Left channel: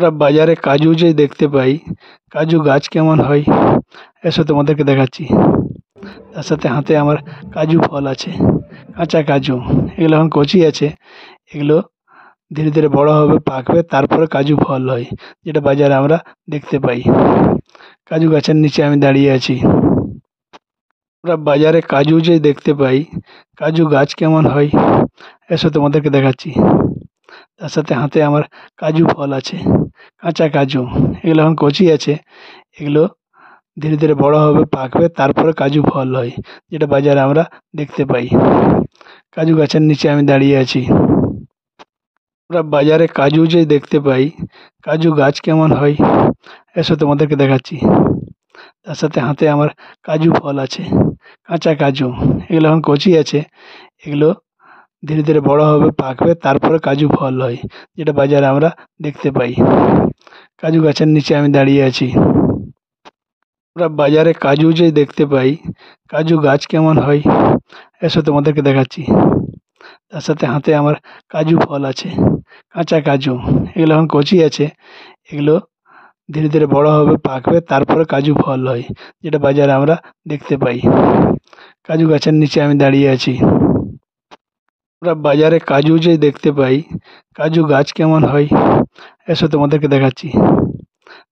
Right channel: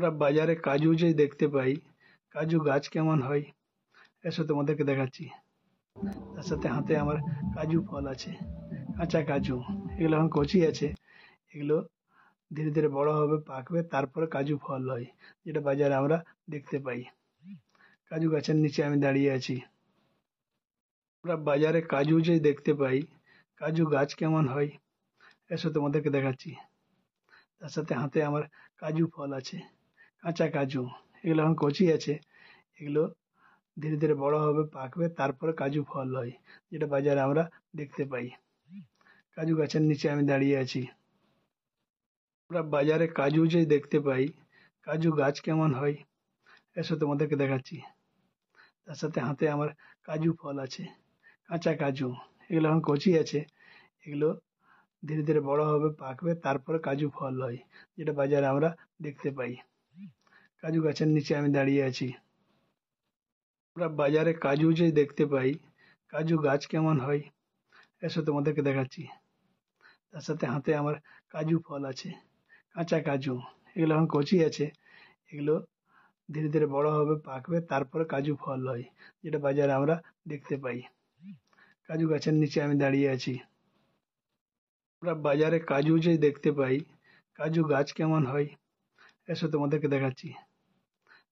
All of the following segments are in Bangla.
আমরা বাজারে কাজু যে দেখতে পাই, কাজু গাছ কেমন হয় এসব তোমাদেরকে দেখাচ্ছি। তার সাথে হাতে আমার কাজু ফল আছে, কাঁচা কাজু। এগুলো এখন কচি আছে, এগুলো ধীরে ধীরে বড় হবে, পাকবে, তারপরে কাজু ফল হয়, যেটা বাজারে আমরা দেখতে পাই। কাজু গাছের নিচে আমি দাঁড়িয়ে আছি। আমরা বাজারে কাজু যে দেখতে পাই, কাজু গাছ কেমন হয় এসব তোমাদেরকে দেখাচ্ছি। তার সাথে হাতে আমার কাজু ফল আছে, কাঁচা কাজু। এগুলো এখন কচি আছে, এগুলো ধীরে ধীরে বড় হবে, পাকবে, তারপরে কাজু ফল হয়, যেটা বাজারে আমরা দেখতে পাই। কাজু গাছের নিচে আমি দাঁড়িয়ে আছি। আমরা বাজারে কাজু যে দেখতে পাই, কাজু গাছ কেমন হয় এসব তোমাদেরকে দেখাচ্ছি। তার সাথে হাতে আমার কাজু ফল আছে, কাঁচা কাজু। এগুলো এখন কচি আছে, এগুলো ধীরে ধীরে বড় হবে, পাকবে, তারপরে কাজু ফল হয়, যেটা বাজারে আমরা দেখতে পাই। কাজু গাছের নিচে আমি দাঁড়িয়ে আছি। আমরা বাজারে কাজু যে দেখতে পাই, কাজু গাছ কেমন হয় এসব তোমাদেরকে দেখাচ্ছি। তার সাথে হাতে আমার কাজু ফল আছে, কাঁচা কাজু। এগুলো এখন কচি আছে, এগুলো ধীরে ধীরে বড় হবে, পাকবে, তারপরে কাজু ফল হয়, যেটা বাজারে আমরা দেখতে পাই। কাজু গাছের নিচে আমি দাঁড়িয়ে আছি। আমরা বাজারে কাজু যে দেখতে পাই, কাজু গাছ কেমন হয় এসব তোমাদেরকে দেখাচ্ছি।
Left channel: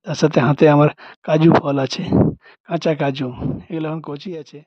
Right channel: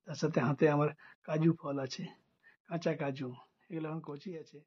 তার সাথে হাতে আমার কাজু ফল আছে, কাঁচা কাজু। এগুলো এখন কচি আছে,